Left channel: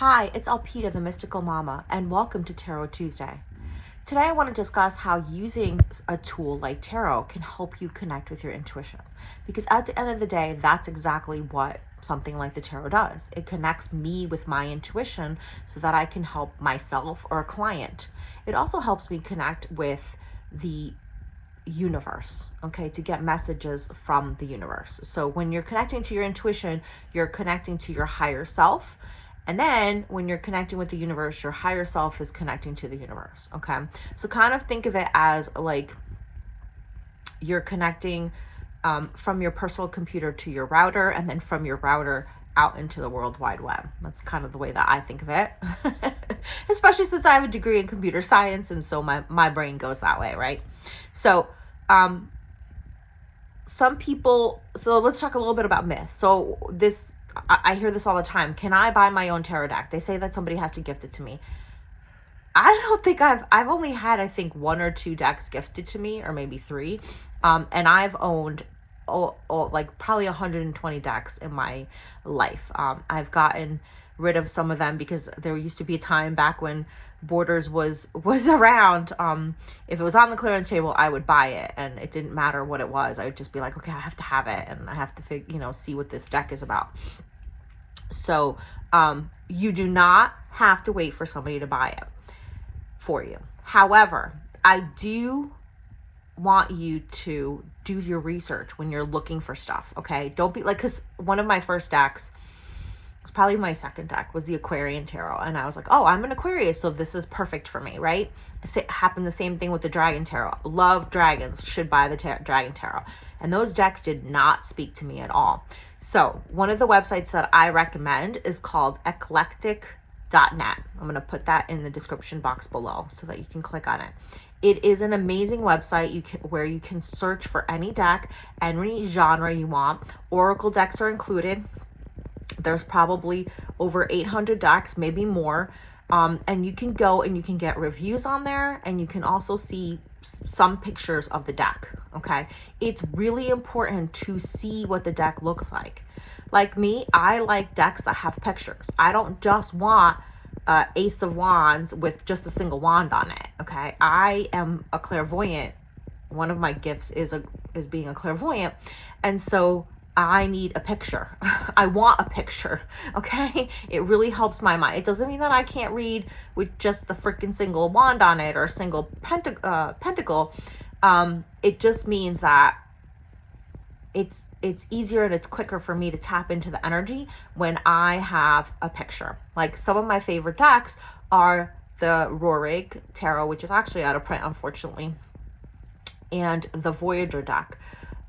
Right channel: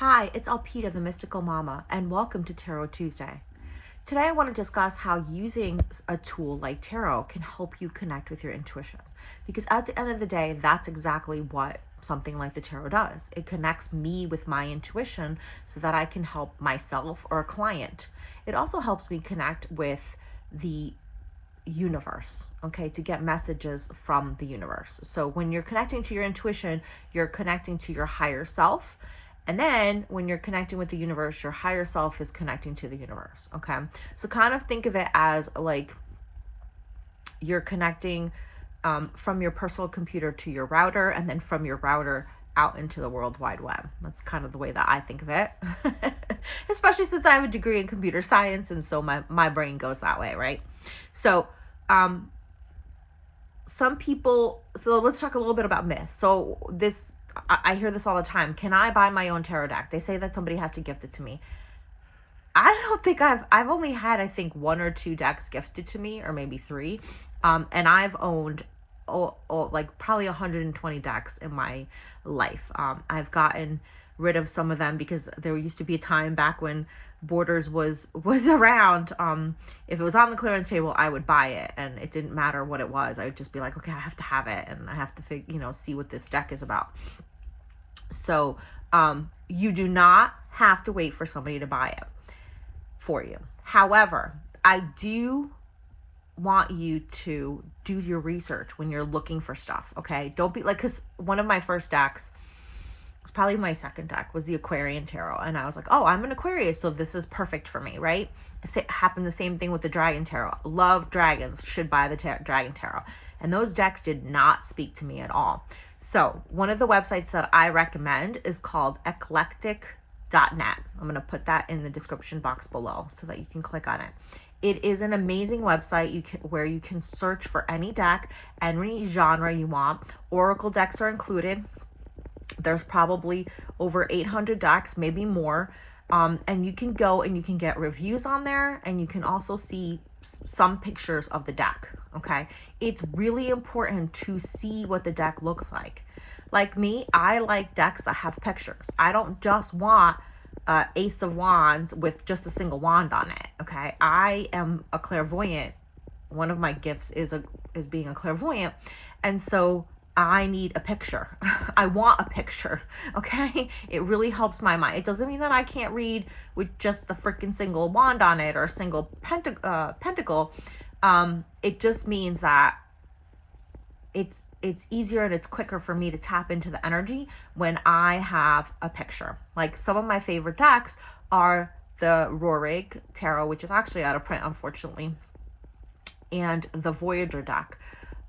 Hi, it's Alpita, the Mystical Mama, and welcome to Tarot Tuesday. Today I want to discuss how using a tool like tarot can help you connect with your intuition. Because at the end of the day, that's exactly what something like the tarot does. It connects me with my intuition so that I can help myself or a client. It also helps me connect with the universe, okay, to get messages from the universe. So when you're connecting to your intuition, you're connecting to your higher self. And then when you're connecting with the universe, your higher self is connecting to the universe, okay? So kind of think of it as like you're connecting from your personal computer to your router, and then from your router out into the World Wide Web. That's kind of the way that I think of it, especially since I have a degree in computer science, and so my brain goes that way, right? So some people, so let's talk a little bit about myths. So I hear this all the time. Can I buy my own tarot deck? They say that somebody has to gift it to me. I don't think I've only had, I think, 1 or 2 decks gifted to me, or maybe 3. And I've owned like probably 120 decks in my life. I've gotten rid of some of them because there used to be a time back when Borders was around. If it was on the clearance table, I would buy it, and it didn't matter what it was. I would just be like, okay, I have to have it, and I have to see what this deck is about. So you do not have to wait for somebody to buy it for you. However, I do want you to do your research when you're looking for stuff, okay? Don't be like, because one of my first decks, it's probably my second deck, was the Aquarian Tarot. And I was like, oh, I'm an Aquarius, so this is perfect for me, right? It happened the same thing with the Dragon Tarot. Love dragons, should buy the Dragon Tarot. And those decks did not speak to me at all. So one of the websites that I recommend is called eclectic.net. I'm going to put that in the description box below so that you can click on it. It is an amazing website where you can search for any deck, any genre you want. Oracle decks are included. There's probably over 800 decks, maybe more. And you can go and you can get reviews on there, and you can also see some pictures of the deck, okay? It's really important to see what the deck looks like. Like me, I like decks that have pictures. I don't just want Ace of Wands with just a single wand on it, okay? I am a clairvoyant. One of my gifts is being a clairvoyant, and so I need a picture. I want a picture, okay? It really helps my mind. It doesn't mean that I can't read with just the freaking single wand on it or a single pentacle. It just means that it's easier and it's quicker for me to tap into the energy when I have a picture. Like some of my favorite decks are the Roerich Tarot, which is actually out of print, unfortunately, and the Voyager deck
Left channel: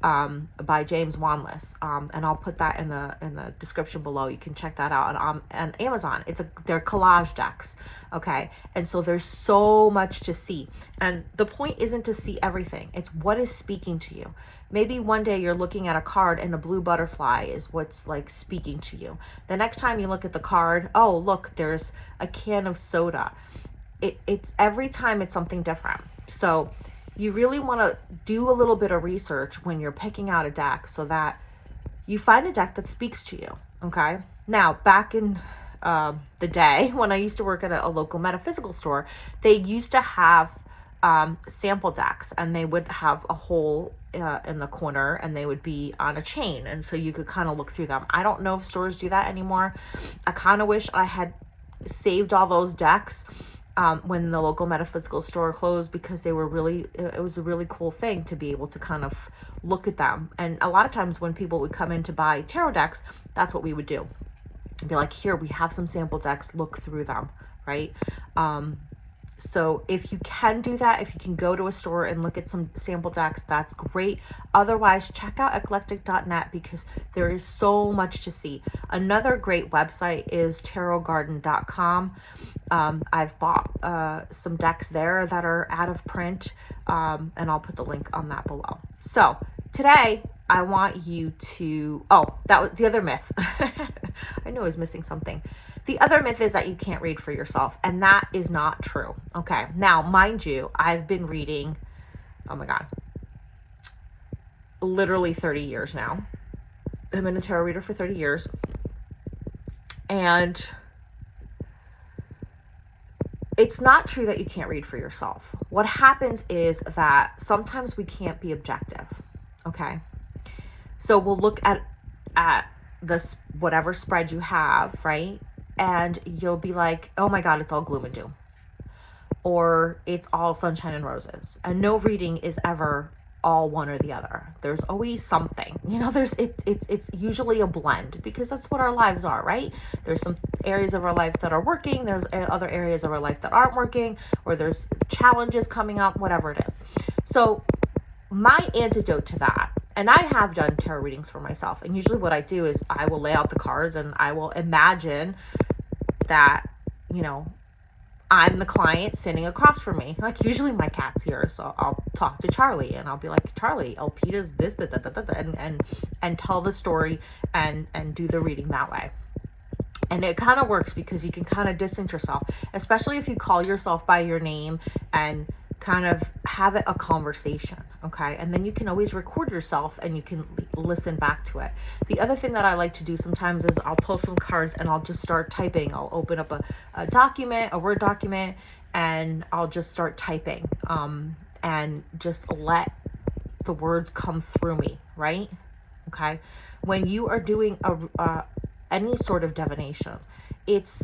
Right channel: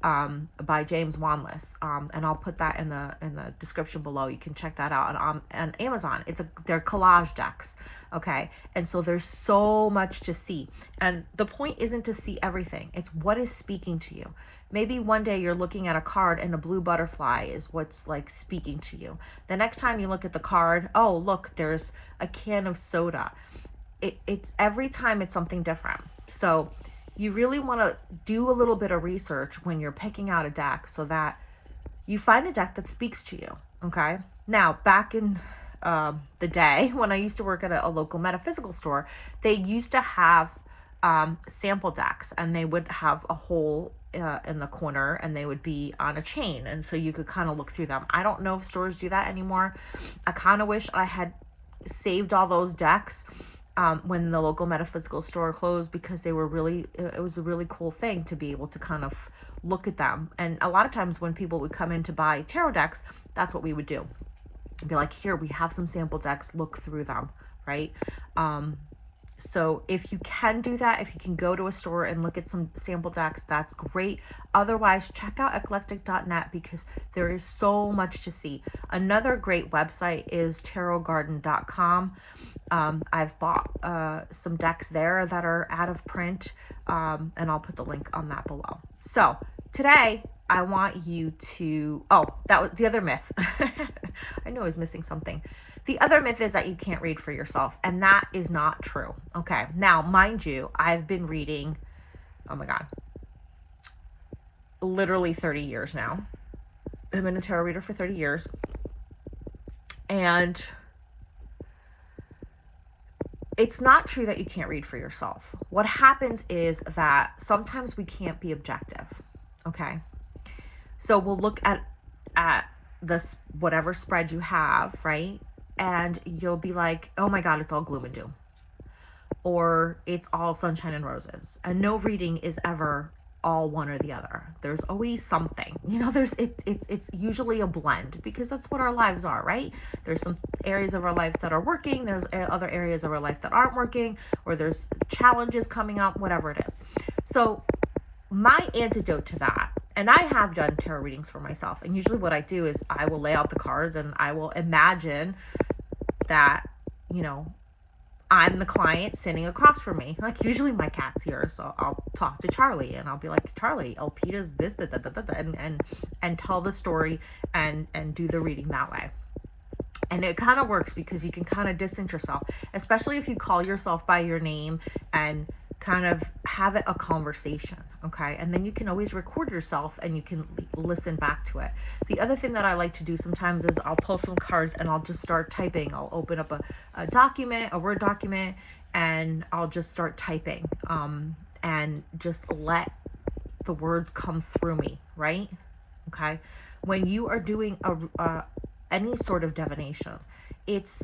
by James Wanless, and I'll put that in the description below. You can check that out on Amazon. They're collage decks, okay? And so there's so much to see, and the point isn't to see everything. It's what is speaking to you. Maybe one day you're looking at a card and a blue butterfly is what's like speaking to you. The next time you look at the card, oh look, there's a can of soda. It's every time it's something different. So you really want to do a little bit of research when you're picking out a deck so that you find a deck that speaks to you, okay? Now, back in the day when I used to work at a local metaphysical store, they used to have sample decks, and they would have a hole in the corner, and they would be on a chain, and so you could kind of look through them. I don't know if stores do that anymore. I kind of wish I had saved all those decks when the local metaphysical store closed, because it was a really cool thing to be able to kind of look at them. And a lot of times when people would come in to buy tarot decks, that's what we would do. Be like, here, we have some sample decks, look through them, right? So if you can do that, if you can go to a store and look at some sample decks, that's great. Otherwise, check out eclectic.net because there is so much to see. Another great website is tarotgarden.com. I've bought some decks there that are out of print, and I'll put the link on that below. So today I want you to, that was the other myth. I knew I was missing something. The other myth is that you can't read for yourself, and that is not true. Okay, now, mind you, I've been reading, oh my God, literally 30 years now. I've been a tarot reader for 30 years, and it's not true that you can't read for yourself. What happens is that sometimes we can't be objective. Okay. So we'll look at this, whatever spread you have, right? And you'll be like, oh my God, it's all gloom and doom. Or it's all sunshine and roses. And no reading is ever all one or the other. There's always something, you know, it's usually a blend, because that's what our lives are, right? There's some areas of our lives that are working, there's other areas of our life that aren't working, or there's challenges coming up, whatever it is. So my antidote to that, and I have done tarot readings for myself, and usually what I do is I will lay out the cards and I will imagine that, you know, I'm the client sitting across from me. Like, usually my cat's here, so I'll talk to Charlie and I'll be like, Charlie, Elpida's this, and tell the story and do the reading that way. And it kind of works because you can kind of distance yourself, especially if you call yourself by your name and kind of have it a conversation, okay? And then you can always record yourself and you can listen back to it. The other thing that I like to do sometimes is I'll pull some cards and I'll just start typing. I'll open up a document, a Word document, and I'll just start typing and just let the words come through me, right? Okay? When you are doing any sort of divination, it's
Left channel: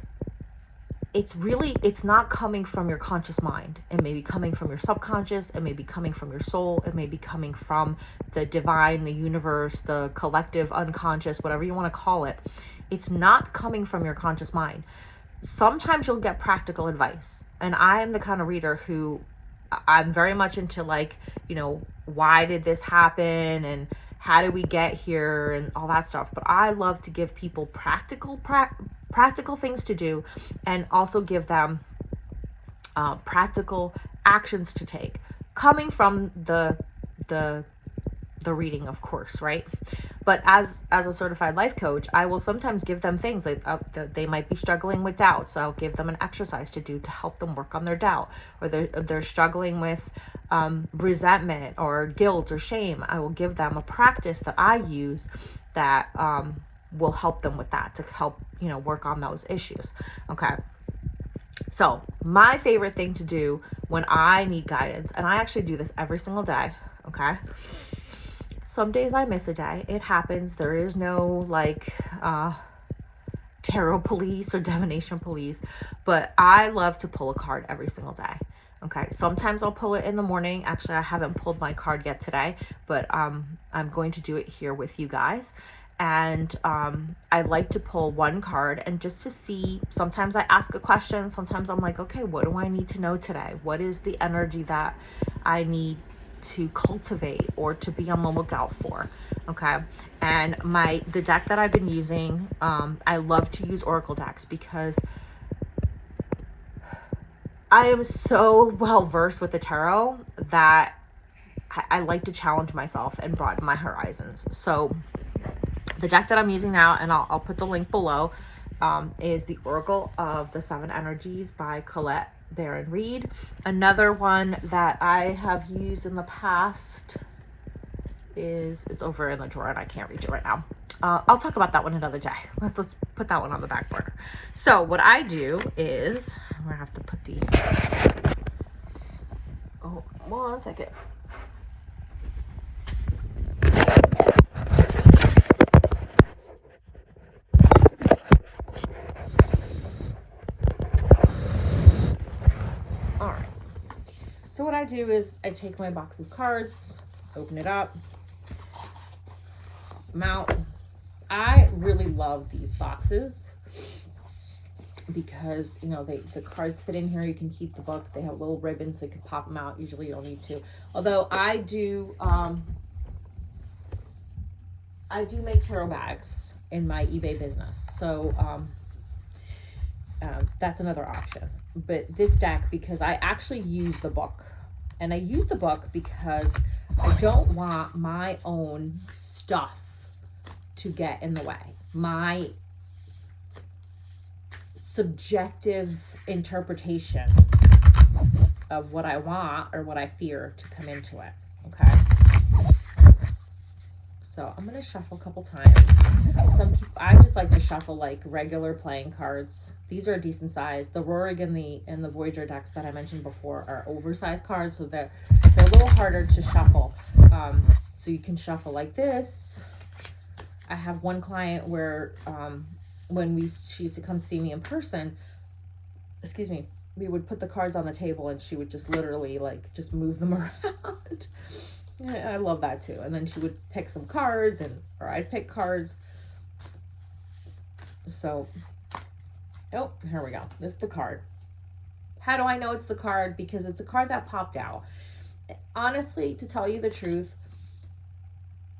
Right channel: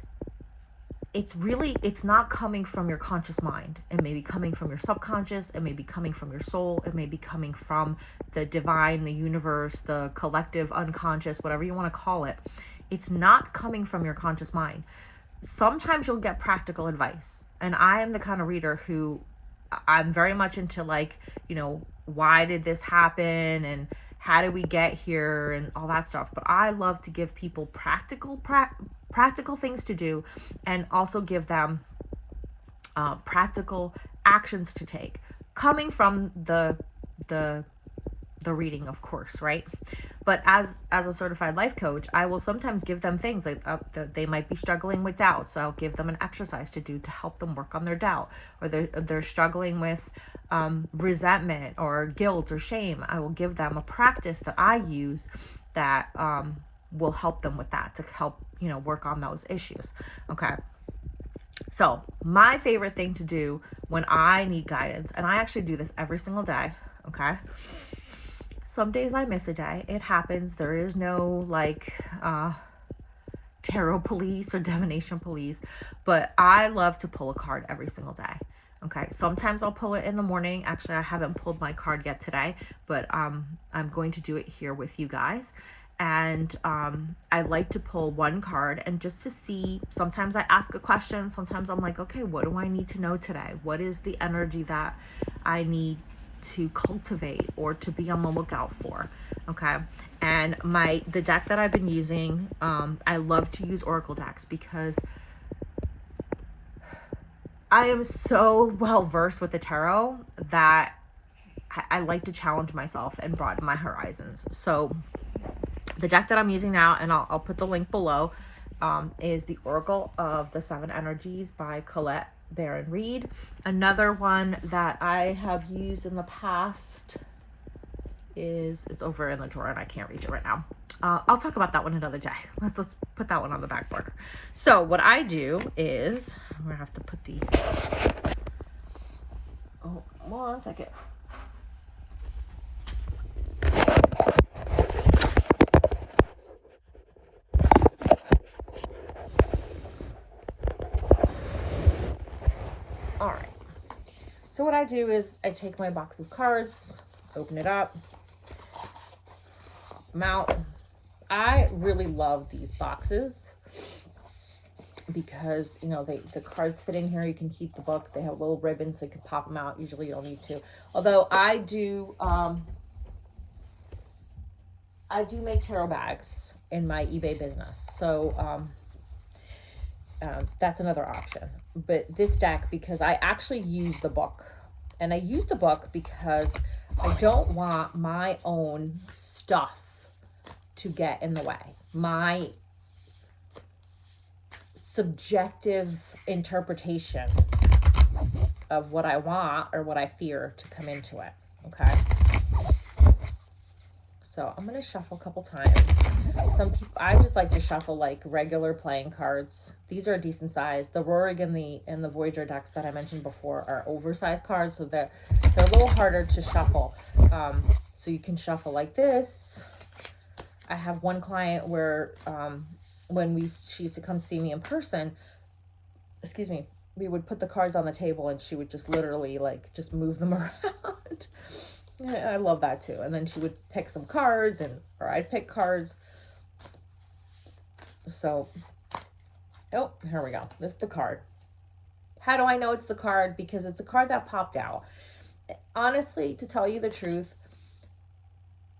not coming from your conscious mind. It may be coming from your subconscious. It may be coming from your soul. It may be coming from the divine, the universe, the collective unconscious, whatever you want to call it. It's not coming from your conscious mind. Sometimes you'll get practical advice. And I am the kind of reader who, I'm very much into, like, you know, why did this happen and how did we get here and all that stuff. But I love to give people practical things to do, and also give them practical actions to take, coming from the reading, of course, right? But as a certified life coach, I will sometimes give them things like they might be struggling with doubt, so I'll give them an exercise to do to help them work on their doubt. Or they're struggling with resentment or guilt or shame. I will give them a practice that I use that will help them with that, to help, you know, work on those issues. Okay. So my favorite thing to do when I need guidance, and I actually do this every single day. Okay. Some days I miss a day. It happens. There is no like tarot police or divination police, but I love to pull a card every single day. Okay, sometimes I'll pull it in the morning. Actually, I haven't pulled my card yet today, but I'm going to do it here with you guys. And I like to pull one card and just to see. Sometimes I ask a question. Sometimes I'm like, okay, what do I need to know today? What is the energy that I need to cultivate or to be on the lookout for? Okay. And the deck that I've been using, I love to use Oracle decks because I am so well versed with the tarot that I like to challenge myself and broaden my horizons. So the deck that I'm using now, and I'll put the link below, is the Oracle of the Seven Energies by Colette Baron Reid. Another one that I have used in the past is, it's over in the drawer and I can't reach it right now. I'll talk about that one another day. Let's put that one on the back burner. So what I do is, I'm gonna have to put the, oh, 1 second. All right. So what I do is I take my box of cards, open it up, mount. I really love these boxes because, you know, the cards fit in here. You can keep the book. They have little ribbons so you can pop them out. Usually you don't need to. Although I do make tarot bags in my eBay business. So that's another option. But this deck, because I actually use the book. And I use the book because I don't want my own stuff to get in the way. My subjective interpretation of what I want or what I fear to come into it. Okay. So I'm going to shuffle a couple times. some people, I just like to shuffle like regular playing cards. These are a decent size. The Rorig and the Voyager decks that I mentioned before are oversized cards, so they're a little harder to shuffle. So you can shuffle like this. I have one client where when she used to come see me in person, excuse me, we would put the cards on the table and she would just literally like just move them around. I love that too. And then she would pick some cards, or I'd pick cards. So, oh, here we go. This is the card. How do I know it's the card? Because it's a card that popped out. Honestly, to tell you the truth,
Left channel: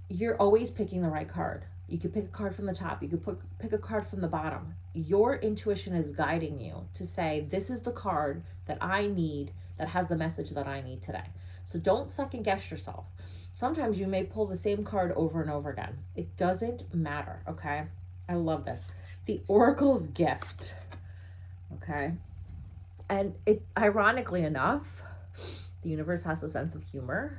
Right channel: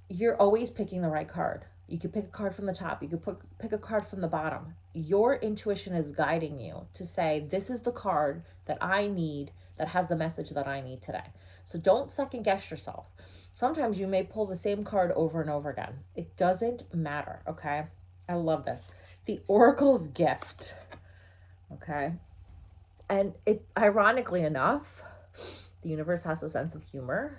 you're always picking the right card. You could pick a card from the top. You could pick a card from the bottom. Your intuition is guiding you to say, this is the card that I need, that has the message that I need today. So don't second guess yourself. Sometimes you may pull the same card over and over again. It doesn't matter, okay? I love this. The Oracle's Gift, okay? And it, ironically enough, the universe has a sense of humor.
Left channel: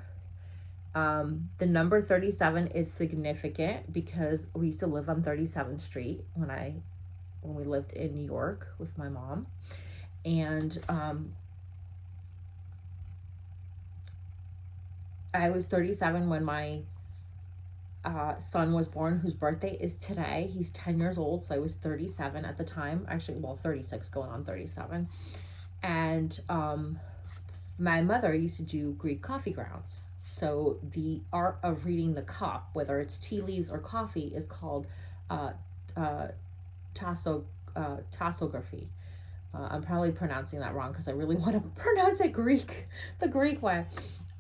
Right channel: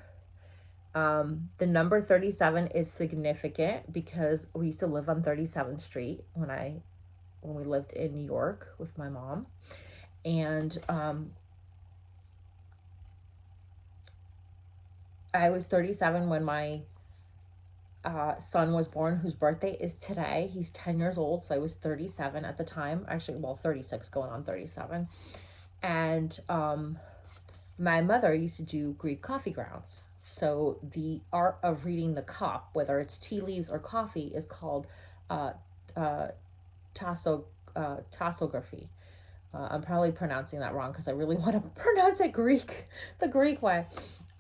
The number 37 is significant because we used to live on 37th Street when we lived in New York with my mom. And I was 37 when my son was born, whose birthday is today. He's 10 years old, so I was 37 at the time. Actually, well, 36 going on 37. And my mother used to do Greek coffee grounds. So the art of reading the cup, whether it's tea leaves or coffee, is called tassography. I'm probably pronouncing that wrong because I really want to pronounce it the Greek way.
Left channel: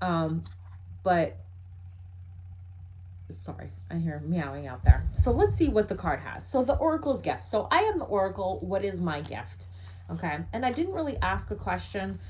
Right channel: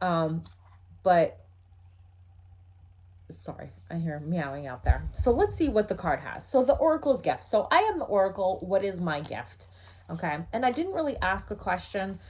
But sorry, I hear meowing out there. So let's see what the card has. So the Oracle's Gift. So I am the Oracle. What is my gift? Okay. And I didn't really ask a question.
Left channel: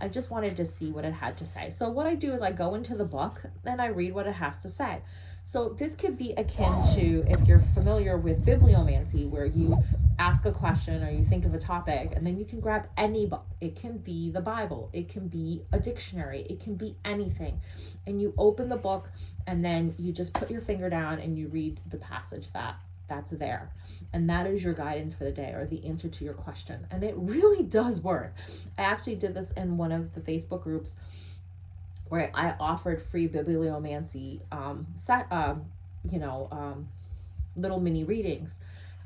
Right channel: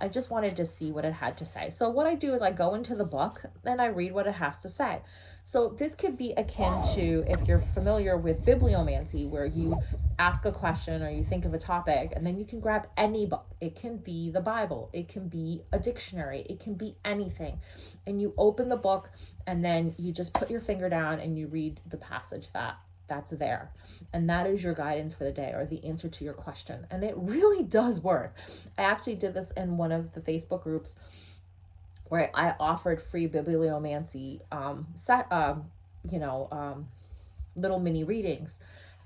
I just wanted to see what it had to say. So what I do is I go into the book and I read what it has to say. So this could be akin to, if you're familiar with bibliomancy, where you ask a question or you think of a topic and then you can grab any book. It can be the Bible, it can be a dictionary, it can be anything. And you open the book and then you just put your finger down and you read the passage that's there. And that is your guidance for the day, or the answer to your question. And it really does work. I actually did this in one of the Facebook groups where I offered free bibliomancy little mini readings.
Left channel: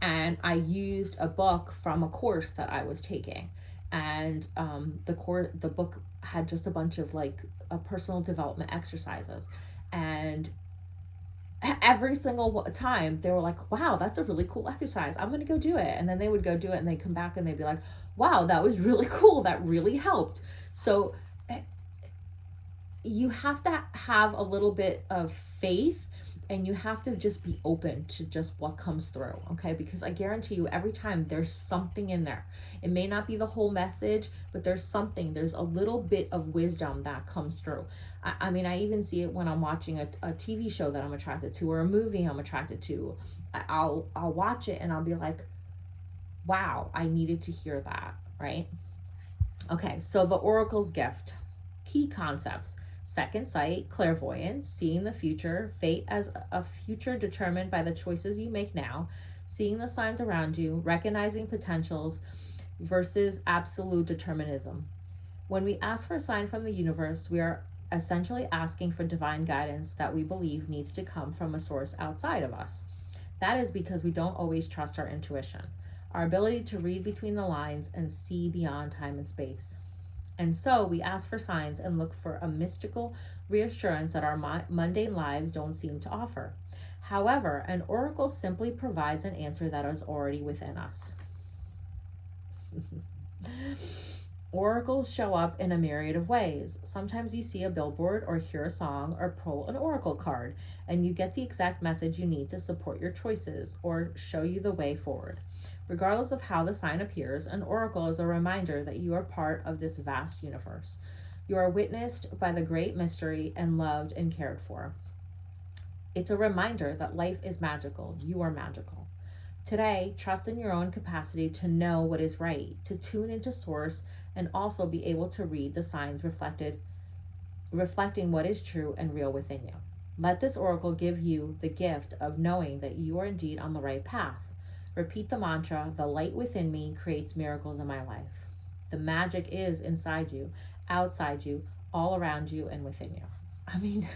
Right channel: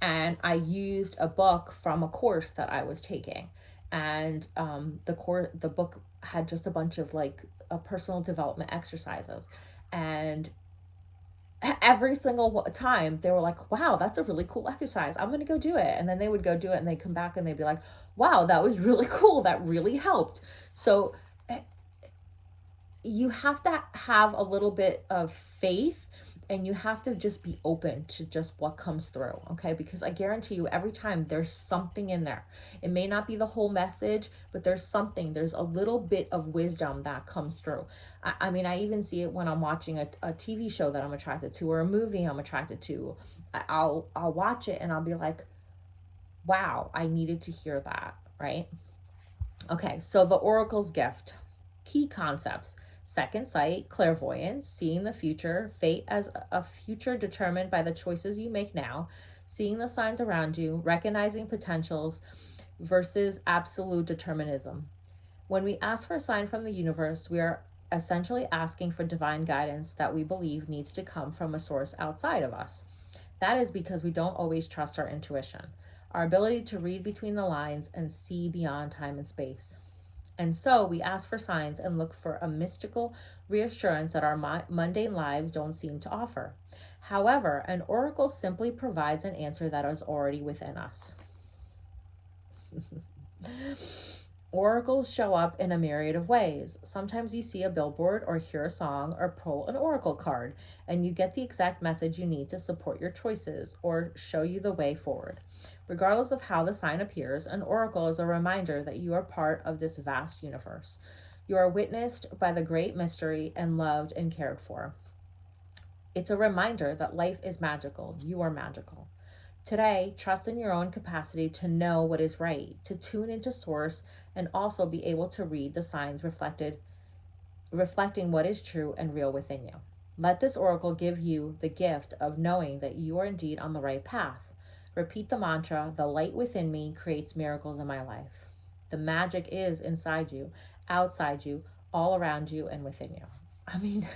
And I used a book from a course that I was taking. And the book had just a bunch of like personal development exercises. And every single time they were like, wow, that's a really cool exercise, I'm gonna go do it. And then they would go do it and they'd come back and they'd be like, wow, that was really cool, that really helped. So you have to have a little bit of faith, and you have to just be open to just what comes through, okay? Because I guarantee you, every time there's something in there. It may not be the whole message, but there's a little bit of wisdom that comes through. I mean, I even see it when I'm watching a TV show that I'm attracted to, or a movie I'm attracted to. I'll watch it and I'll be like, wow, I needed to hear that, right? Okay, so the Oracle's Gift. Key concepts: second sight, clairvoyance, seeing the future, fate as a future determined by the choices you make now, seeing the signs around you, recognizing potentials versus absolute determinism. When we ask for a sign from the universe, we are essentially asking for divine guidance that we believe needs to come from a source outside of us. That is because we don't always trust our intuition, our ability to read between the lines and see beyond time and space. And so we ask for signs and look for a mystical reassurance that our mundane lives don't seem to offer. However, an oracle simply provides an answer that is already within us. Oracles show up in a myriad of ways. Sometimes you see a billboard or hear a song or pull an oracle card, and you get the exact message you need to support your choices or show you the way forward. Regardless of how the sign appears, an oracle is a reminder that you are part of this vast universe. You are witnessed by the great mystery and loved and cared for. It's a reminder that life is magical. You are magical. Today, trust in your own capacity to know what is right, to tune into source, and also be able to read the signs reflecting what is true and real within you. Let this oracle give you the gift of knowing that you are indeed on the right path. Repeat the mantra, the light within me creates miracles in my life. The magic is inside you, outside you, all around you, and within you. I mean,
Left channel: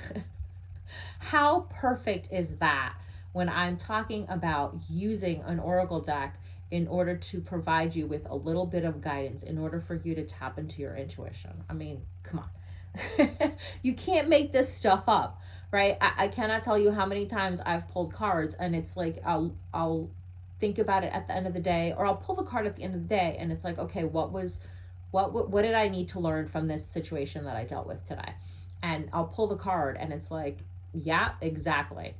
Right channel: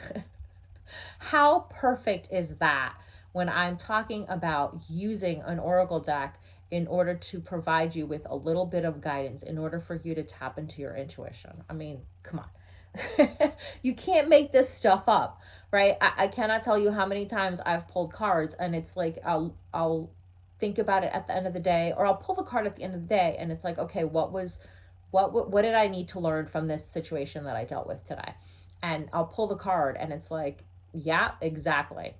how perfect is that when I'm talking about using an oracle deck in order to provide you with a little bit of guidance, in order for you to tap into your intuition? I mean, come on. You can't make this stuff up, right? I cannot tell you how many times I've pulled cards and it's like I'll think about it at the end of the day, or I'll pull the card at the end of the day and it's like, okay, what did I need to learn from this situation that I dealt with today? And I'll pull the card and it's like, yeah, exactly.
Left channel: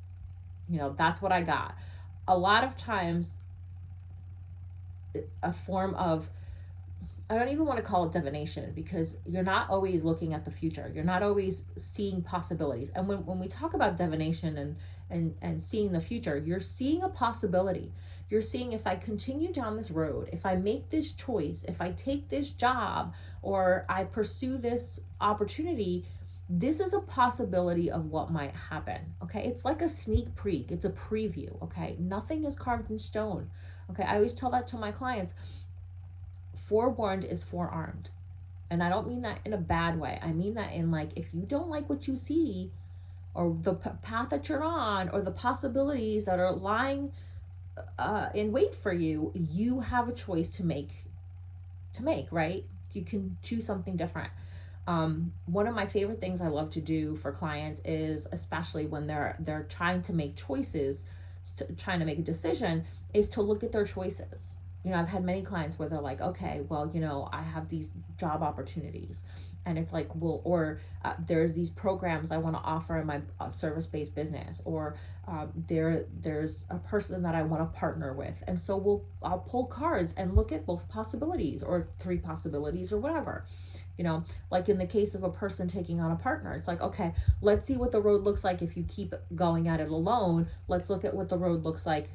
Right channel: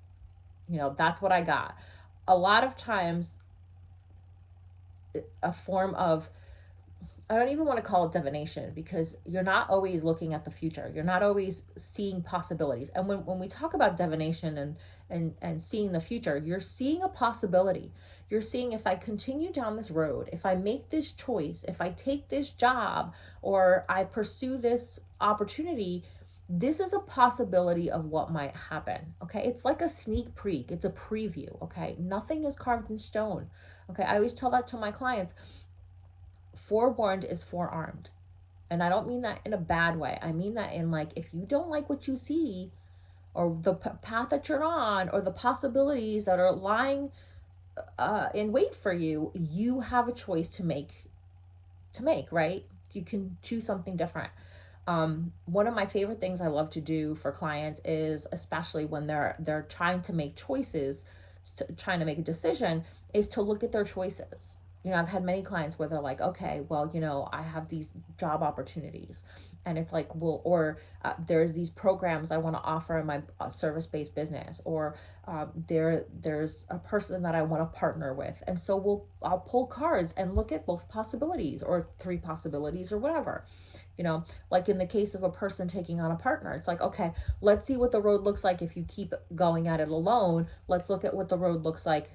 That's what I got. A lot of times, a form of, I don't even want to call it divination, because you're not always looking at the future. You're not always seeing possibilities. And when we talk about divination and seeing the future, you're seeing a possibility. You're seeing, if I continue down this road, if I make this choice, if I take this job, or I pursue this opportunity, this is a possibility of what might happen. Okay, it's like a sneak peek, it's a preview. Okay, nothing is carved in stone. Okay, I always tell that to my clients. Forewarned is forearmed. And I don't mean that in a bad way. I mean that in, like, if you don't like what you see, or the path that you're on, or the possibilities that are lying in wait for you, you have a choice to make, right? You can choose something different. One of my favorite things I love to do for clients is, especially when they're trying to make choices, trying to make a decision, is to look at their choices. I've had many clients where they're like, okay, well, I have these job opportunities, and it's like, well, or there's these programs I want to offer in my service-based business, or there's a person that I want to partner with, and so I'll pull cards and look at both possibilities, or 3 possibilities, or whatever. Like in the case of a person taking on a partner, it's like, okay, let's see what the road looks like if you keep going at it alone. Let's look at what the road looks like.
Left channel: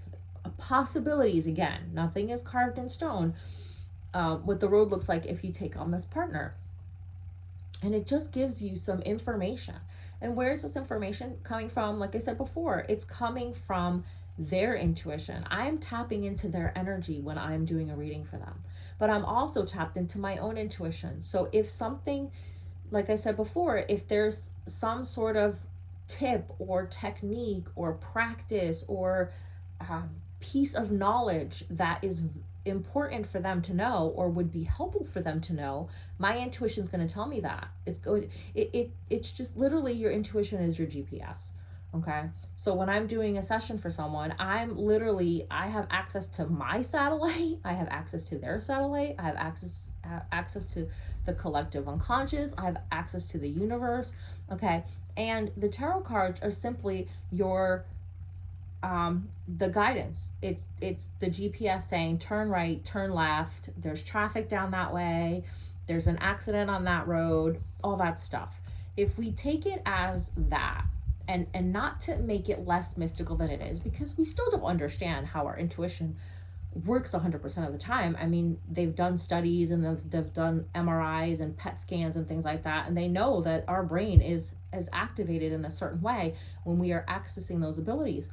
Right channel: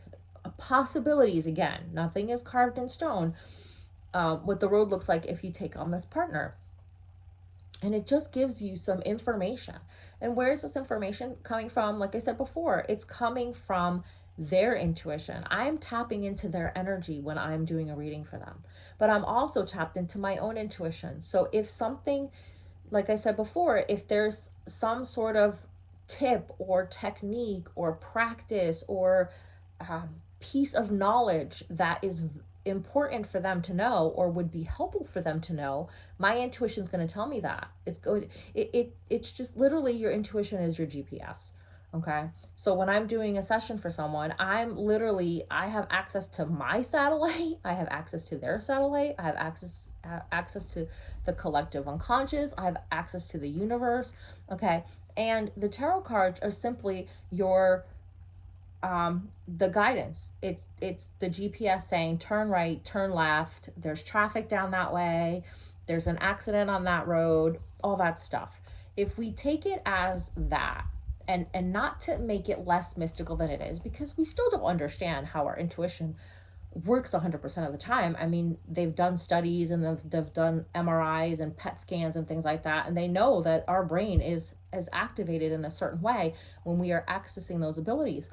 Possibilities, again, nothing is carved in stone. What the road looks like if you take on this partner. And it just gives you some information. And where is this information coming from? Like I said before, it's coming from their intuition. I'm tapping into their energy when I'm doing a reading for them. But I'm also tapped into my own intuition. So if something, like I said before, if there's some sort of tip or technique or practice or piece of knowledge that is important for them to know, or would be helpful for them to know, my intuition is going to tell me that. It's just literally, your intuition is your GPS. Okay, so when I'm doing a session for someone, I have access to my satellite, I have access to their satellite, I have access to the collective unconscious, I have access to the universe. Okay, and the tarot cards are simply your the guidance. It's the GPS saying turn right, turn left, there's traffic down that way, there's an accident on that road, all that stuff. If we take it as that, and not to make it less mystical than it is, because we still don't understand how our intuition works 100% of the time. I mean, they've done studies and they've done MRIs and PET scans and things like that, and they know that our brain is activated in a certain way when we are accessing those abilities.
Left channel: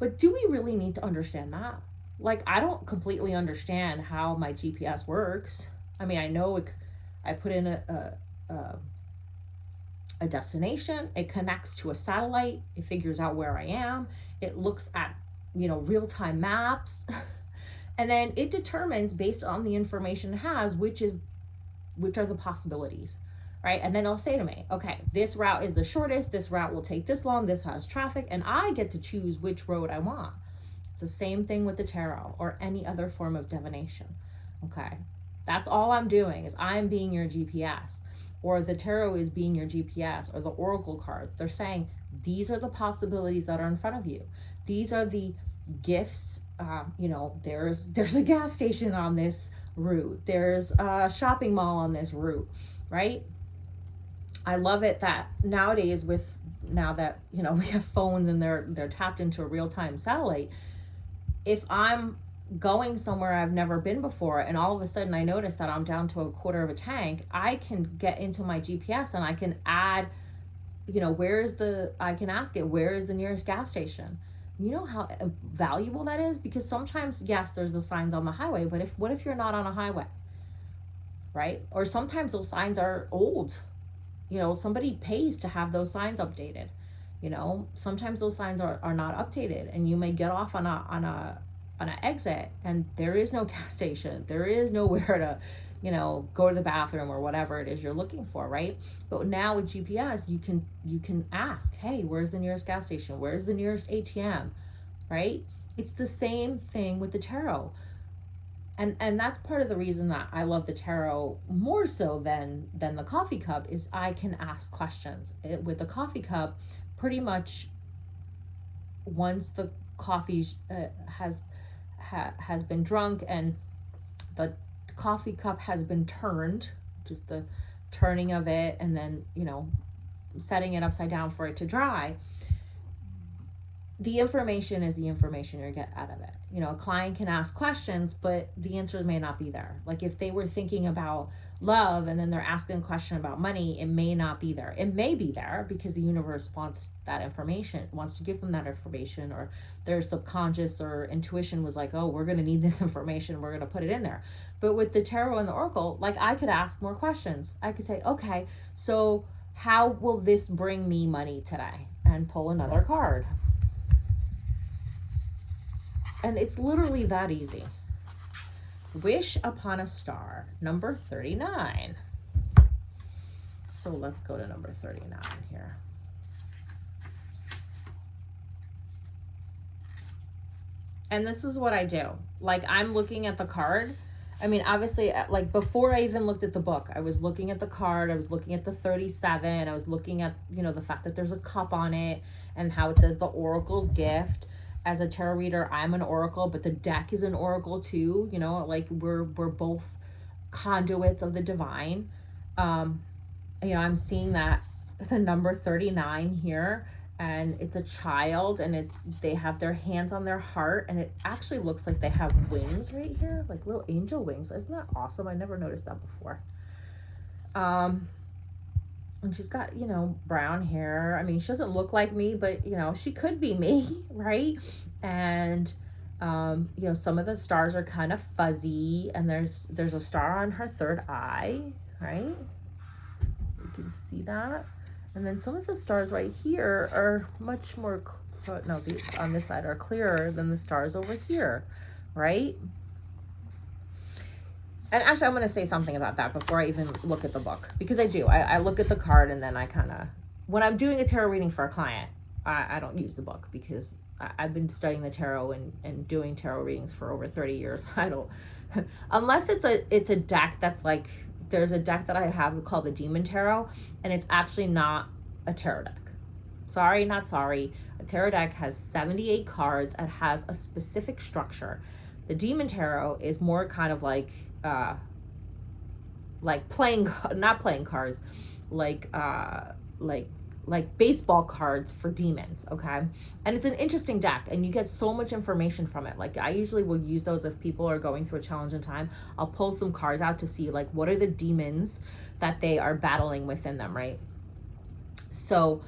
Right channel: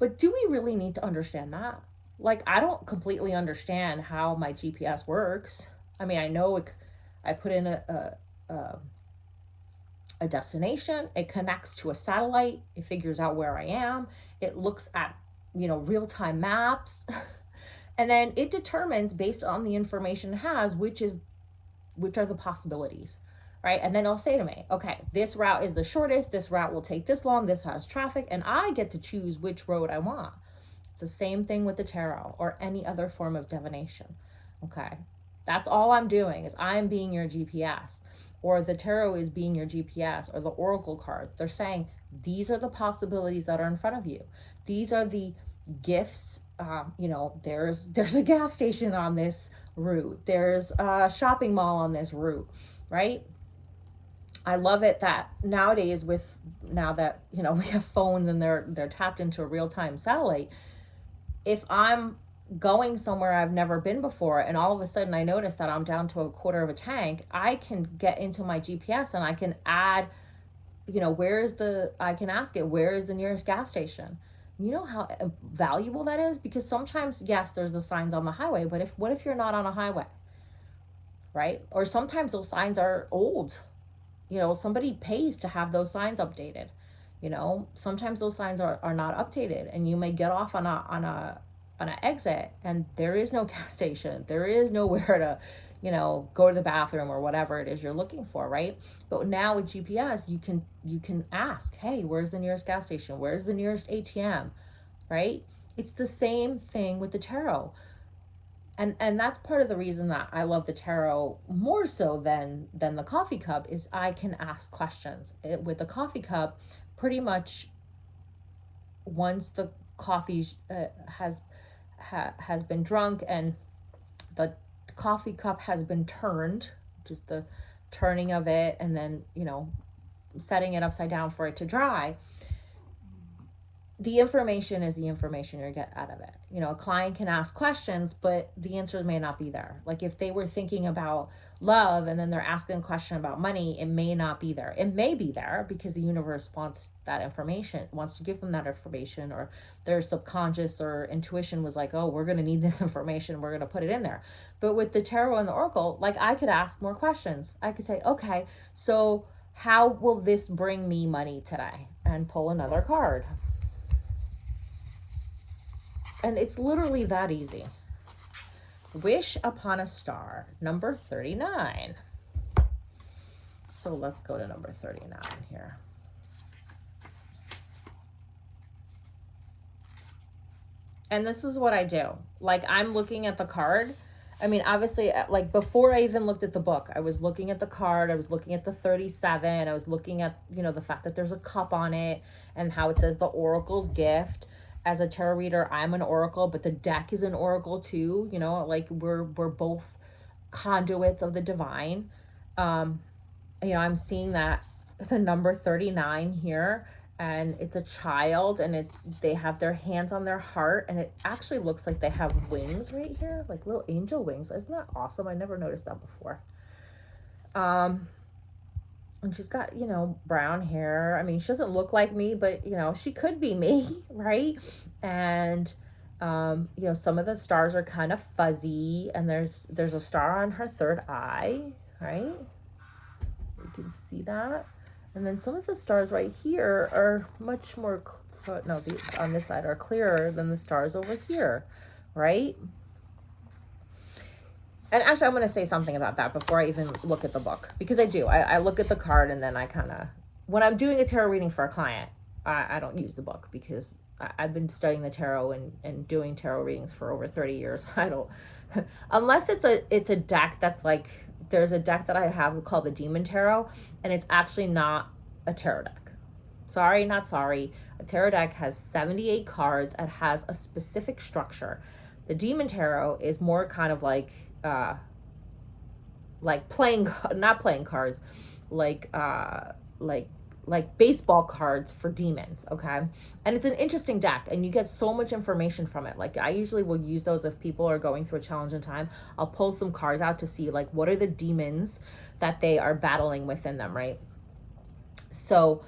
But do we really need to understand that? Like, I don't completely understand how my GPS works. I mean, I know I put in a destination, it connects to a satellite, it figures out where I am, it looks at, real-time maps, and then it determines, based on the information it has, which are the possibilities, right? And then it'll say to me, okay, this route is the shortest, this route will take this long, this has traffic, and I get to choose which road I want. It's the same thing with the tarot or any other form of divination. Okay, that's all I'm doing, is I'm being your GPS, or the tarot is being your GPS, or the oracle cards. They're saying, these are the possibilities that are in front of you. These are the gifts. There's a gas station on this route. There's a shopping mall on this route, right? I love it that nowadays, now that we have phones and they're tapped into a real-time satellite, if I'm going somewhere I've never been before and all of a sudden I notice that I'm down to a quarter of a tank, I can get into my GPS and I can add I can ask it, where is the nearest gas station? You know how valuable that is? Because sometimes, yes, there's the signs on the highway, but what if you're not on a highway, right? Or sometimes those signs are old. Somebody pays to have those signs updated. Sometimes those signs are not updated, and you may get off on an exit and there is no gas station. There is nowhere to, go to the bathroom or whatever it is you're looking for, right? But now with GPS, you can ask, hey, where's the nearest gas station? Where's the nearest ATM? Right? It's the same thing with the tarot. And that's part of the reason that I love the tarot more so than the coffee cup is I can ask questions. With the coffee cup, pretty much once the coffee has been drunk and the coffee cup has been turned, just the turning of it, and then setting it upside down for it to dry, the information is the information you get out of it. A client can ask questions, but the answers may not be there. Like if they were thinking about love and then they're asking a question about money, it may not be there. It may be there because the universe wants that information, wants to give them that information, or their subconscious or intuition was like, oh, we're going to need this information, we're going to put it in there. But with the tarot and the oracle, like I could ask more questions. I could say, okay, so how will this bring me money today? And pull another card. And it's literally that easy. Wish upon a star, number 39. So let's go to number 39 here. And this is what I do. Like I'm looking at the card. I mean, obviously, like before I even looked at the book, I was looking at the card. I was looking at the 37. I was looking at, the fact that there's a cup on it and how it says the oracle's gift. As a tarot reader, I'm an oracle, but the deck is an oracle too. Like we're both conduits of the divine. I'm seeing that the number 39 here, and it's a child, and they have their hands on their heart, and it actually looks like they have wings right here, like little angel wings. Isn't that awesome? I never noticed that before. And she's got, brown hair. I mean, she doesn't look like me, but, she could be me, right? And, some of the stars are kind of fuzzy, and there's a star on her third eye, right? You can see that. And then some of the stars right here are much more, on this side are clearer than the stars over here, right? And actually, I'm going to say something about that before I even look at the book. Because I do. I look at the card and then I kind of... When I'm doing a tarot reading for a client, I don't use the book because I've been studying the tarot and doing tarot readings for over 30 years. I don't... Unless it's a deck that's like... There's a deck that I have called the Demon Tarot, and it's actually not a tarot deck. Sorry, not sorry. A tarot deck has 78 cards and has a specific structure. The Demon Tarot is more kind of like not playing cards, like baseball cards for demons, okay? And it's an interesting deck, and you get so much information from it. Like I usually will use those if people are going through a challenging time. I'll pull some cards out to see like what are the demons that they are battling within them, right? So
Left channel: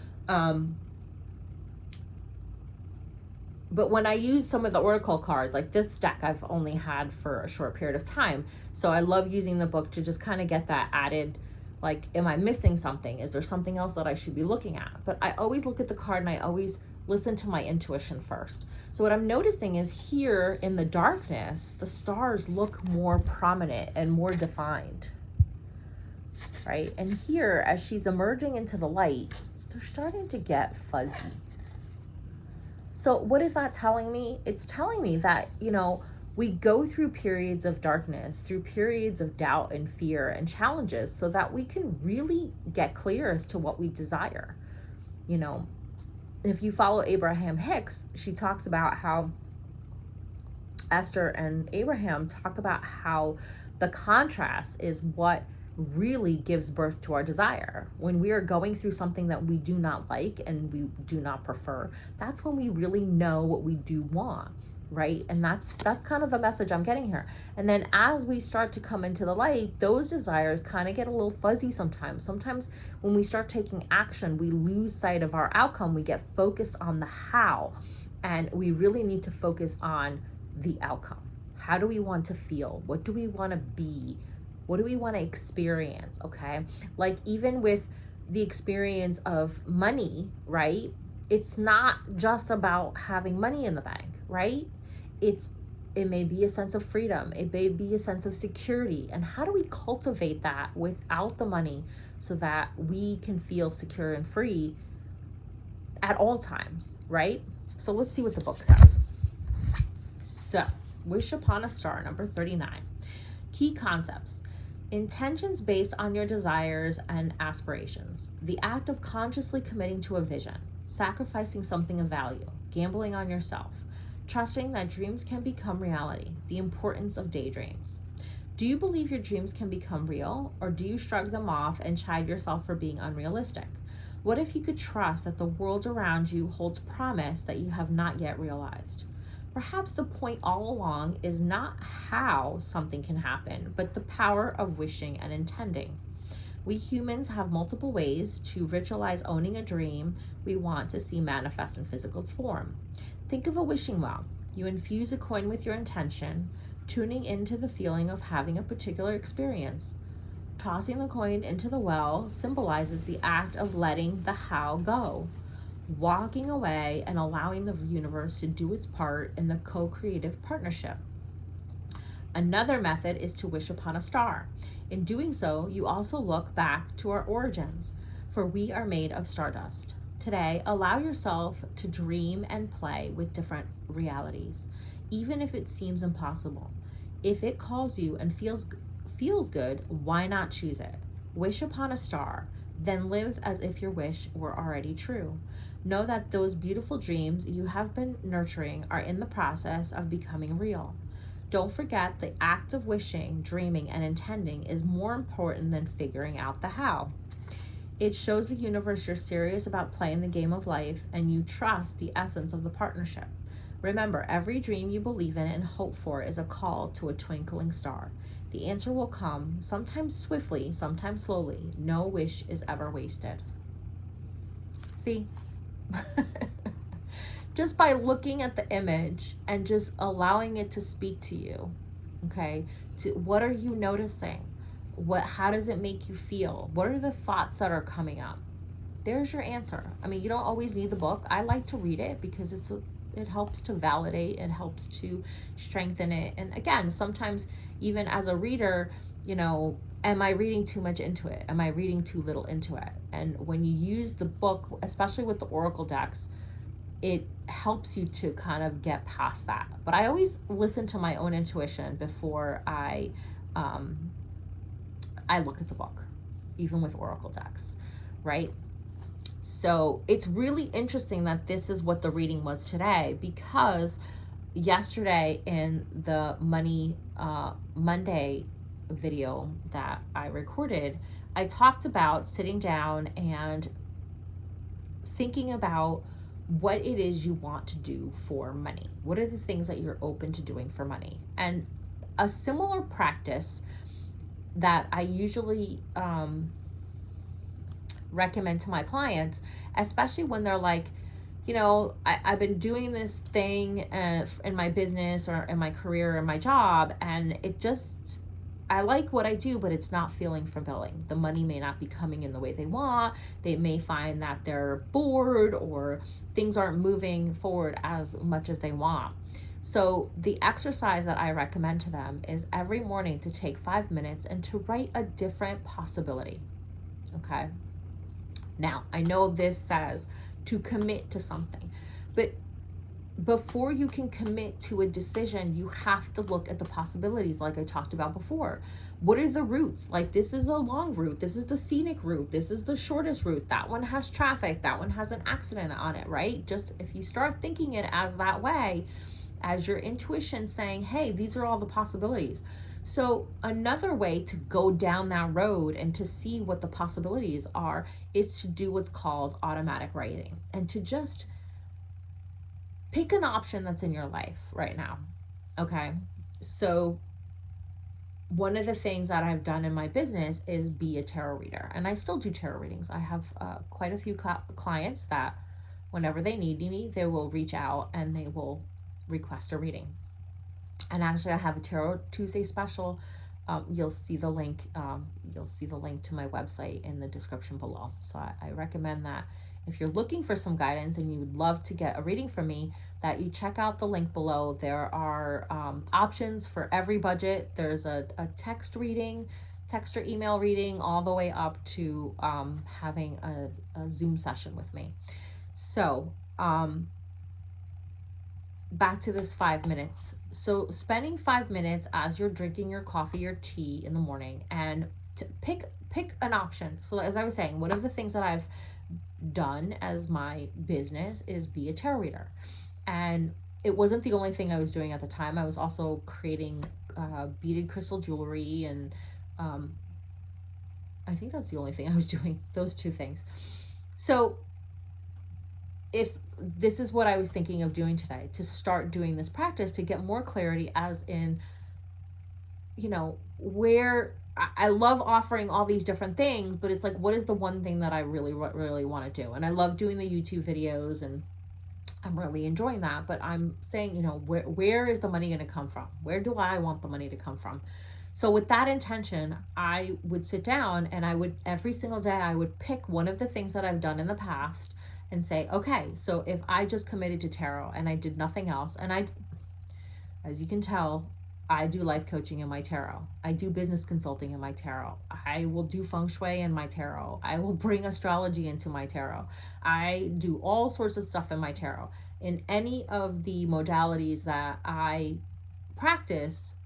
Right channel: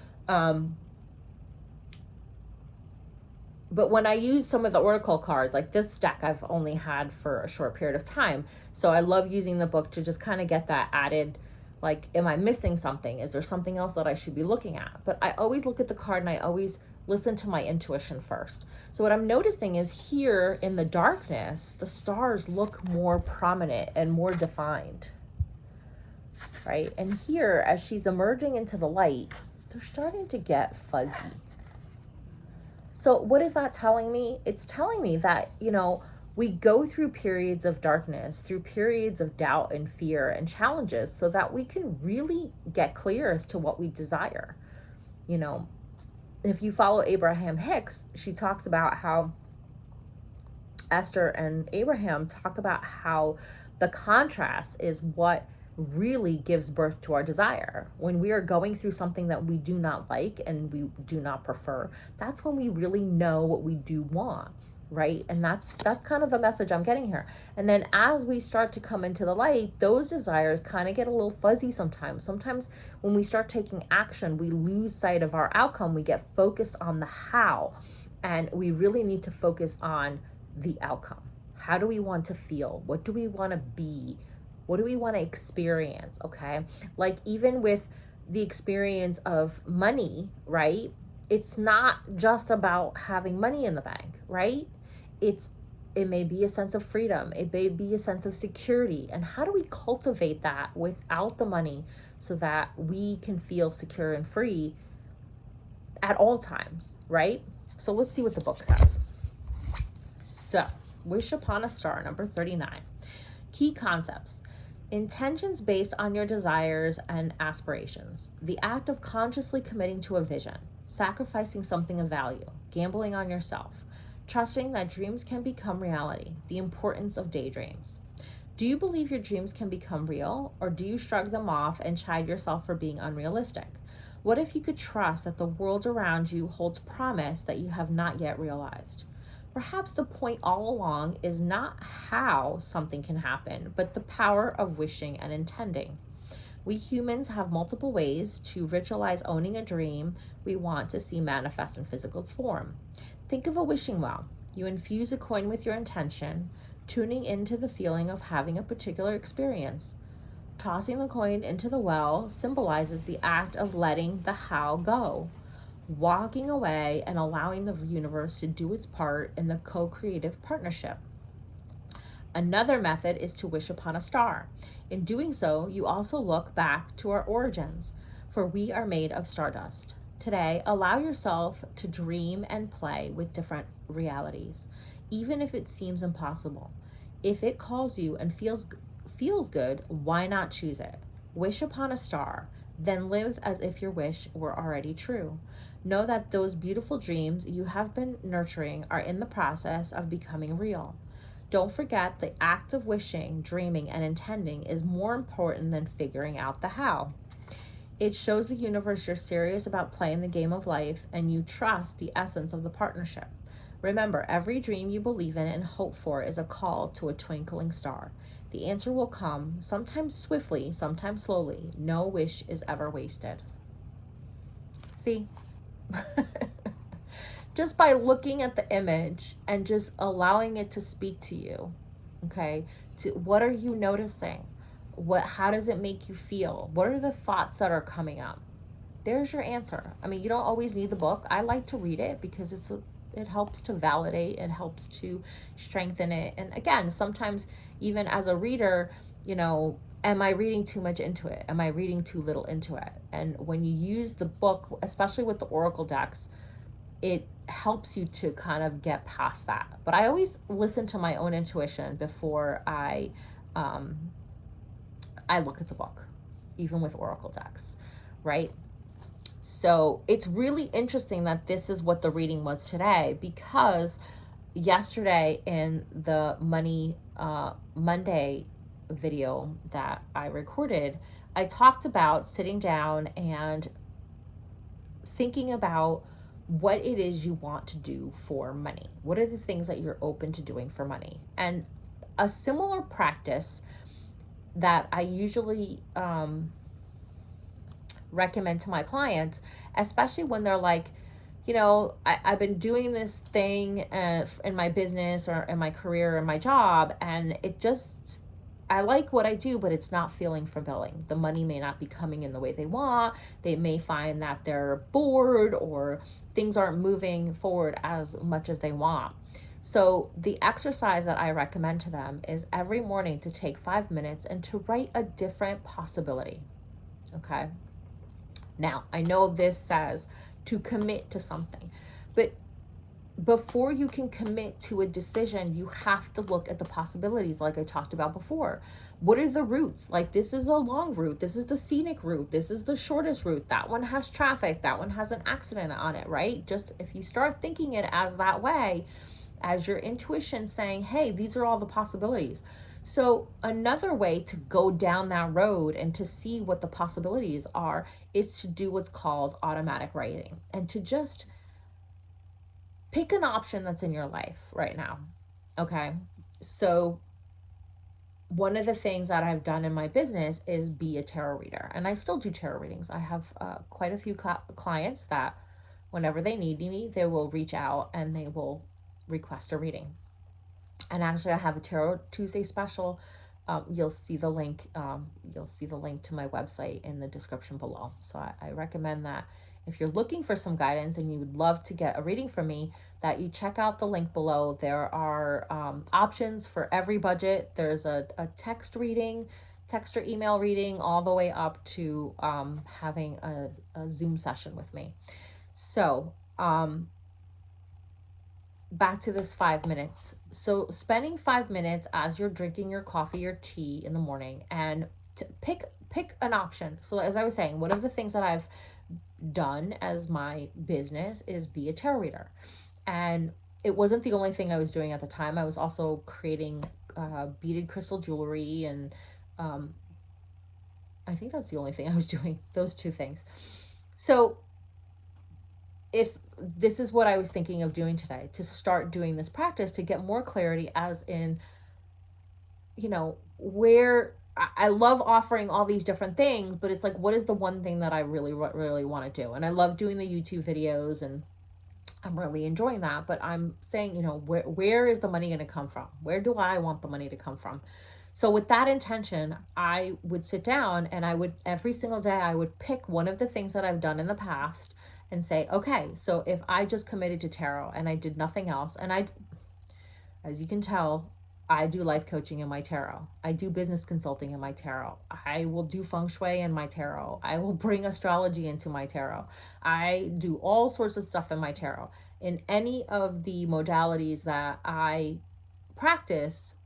but when I use some of the oracle cards, like this deck I've only had for a short period of time. So I love using the book to just kind of get that added, like, am I missing something? Is there something else that I should be looking at? But I always look at the card and I always listen to my intuition first. So what I'm noticing is here in the darkness, the stars look more prominent and more defined, right? And here, as she's emerging into the light, they're starting to get fuzzy. So what is that telling me? It's telling me that, we go through periods of darkness, through periods of doubt and fear and challenges so that we can really get clear as to what we desire. If you follow Abraham Hicks, she talks about how Esther and Abraham talk about how the contrast is what really gives birth to our desire. When we are going through something that we do not like and we do not prefer, that's when we really know what we do want. right? And that's kind of the message I'm getting here. And then as we start to come into the light, those desires kind of get a little fuzzy sometimes. Sometimes when we start taking action, we lose sight of our outcome. We get focused on the how, and we really need to focus on the outcome. How do we want to feel? What do we want to be? What do we want to experience? Okay, like even with the experience of money, right? It's not just about having money in the bank, right? It may be a sense of freedom, it may be a sense of security. And how do we cultivate that without the money so that we can feel secure and free at all times, right? So let's see what the book says. So, Wish Upon a Star, number 39. Key concepts. Intentions based on your desires and aspirations. The act of consciously committing to a vision, sacrificing something of value, gambling on yourself, trusting that dreams can become reality. The importance of daydreams. Do you believe your dreams can become real, or do you shrug them off and chide yourself for being unrealistic? What if you could trust that the world around you holds promise that you have not yet realized? Perhaps the point all along is not how something can happen, but the power of wishing and intending. We humans have multiple ways to ritualize owning a dream we want to see manifest in physical form. Think of a wishing well. You infuse a coin with your intention, tuning into the feeling of having a particular experience. Tossing the coin into the well symbolizes the act of letting the how go, walking away and allowing the universe to do its part in the co-creative partnership. Another method is to wish upon a star. In doing so, you also look back to our origins, for we are made of stardust. Today, allow yourself to dream and play with different realities, even if it seems impossible. If it calls you and feels good, why not choose it? Wish upon a star, then live as if your wish were already true. Know that those beautiful dreams you have been nurturing are in the process of becoming real. Don't forget the act of wishing, dreaming, and intending is more important than figuring out the how. It shows the universe you're serious about playing the game of life and you trust the essence of the partnership. Remember, every dream you believe in and hope for is a call to a twinkling star. The answer will come, sometimes swiftly, sometimes slowly. No wish is ever wasted. See? Just by looking at the image and just allowing it to speak to you, okay? To what are you noticing? How does it make you feel? What are the thoughts that are coming up? There's your answer. I mean, you don't always need the book. I like to read it because it helps to validate, it helps to strengthen it. And again, sometimes even as a reader, am I reading too much into it? Am I reading too little into it? And when you use the book, especially with the Oracle decks, it helps you to kind of get past that. But I always listen to my own intuition before I look at the book, even with Oracle decks, right? So it's really interesting that this is what the reading was today, because yesterday in the Money Monday video that I recorded, I talked about sitting down and thinking about what it is you want to do for money. What are the things that you're open to doing for money? And a similar practice that I usually recommend to my clients, especially when they're like, I've been doing this thing in my business or in my career or my job, and I like what I do, but it's not feeling fulfilling. The money may not be coming in the way they want. They may find that they're bored or things aren't moving forward as much as they want. So the exercise that I recommend to them is every morning to take 5 minutes and to write a different possibility. Okay. Now, I know this says to commit to something, but before you can commit to a decision, you have to look at the possibilities like I talked about before. What are the routes? Like, this is a long route. This is the scenic route. This is the shortest route. That one has traffic. That one has an accident on it, right? Just if you start thinking it as that way, as your intuition saying, hey, these are all the possibilities. So another way to go down that road and to see what the possibilities are is to do what's called automatic writing, and to just pick an option that's in your life right now. Okay. So one of the things that I've done in my business is be a tarot reader, and I still do tarot readings. I have quite a few clients that whenever they need me, they will reach out and they will request a reading. And actually, I have a Tarot Tuesday special. You'll see the link. You'll see the link to my website in the description below. So I recommend that if you're looking for some guidance and you would love to get a reading from me, that you check out the link below. There are options for every budget. There's a text reading, text or email reading, all the way up to having a Zoom session with me. So back to this 5 minutes. So spending 5 minutes as you're drinking your coffee or tea in the morning, and to pick an option. So as I was saying, one of the things that I've done as my business is be a tarot reader. And it wasn't the only thing I was doing at the time. I was also creating beaded crystal jewelry, and I think that's the only thing I was doing, those two things. So if this is what I was thinking of doing today, to start doing this practice, to get more clarity, as in, you know, where I love offering all these different things, but it's like, what is the one thing that I really want to do? And I love doing the YouTube videos, and I'm really enjoying that, but I'm saying, you know, where is the money going to come from? Where do I want the money to come from? So with that intention, I would sit down and I would, every single day, I would pick one of the things that I've done in the past and say, okay, so if I just committed to tarot and I did nothing else, and as you can tell, I do life coaching in my tarot. I do business consulting in my tarot. I will do feng shui in my tarot. I will bring astrology into my tarot. I do all sorts of stuff in my tarot. In any of the modalities that I practice,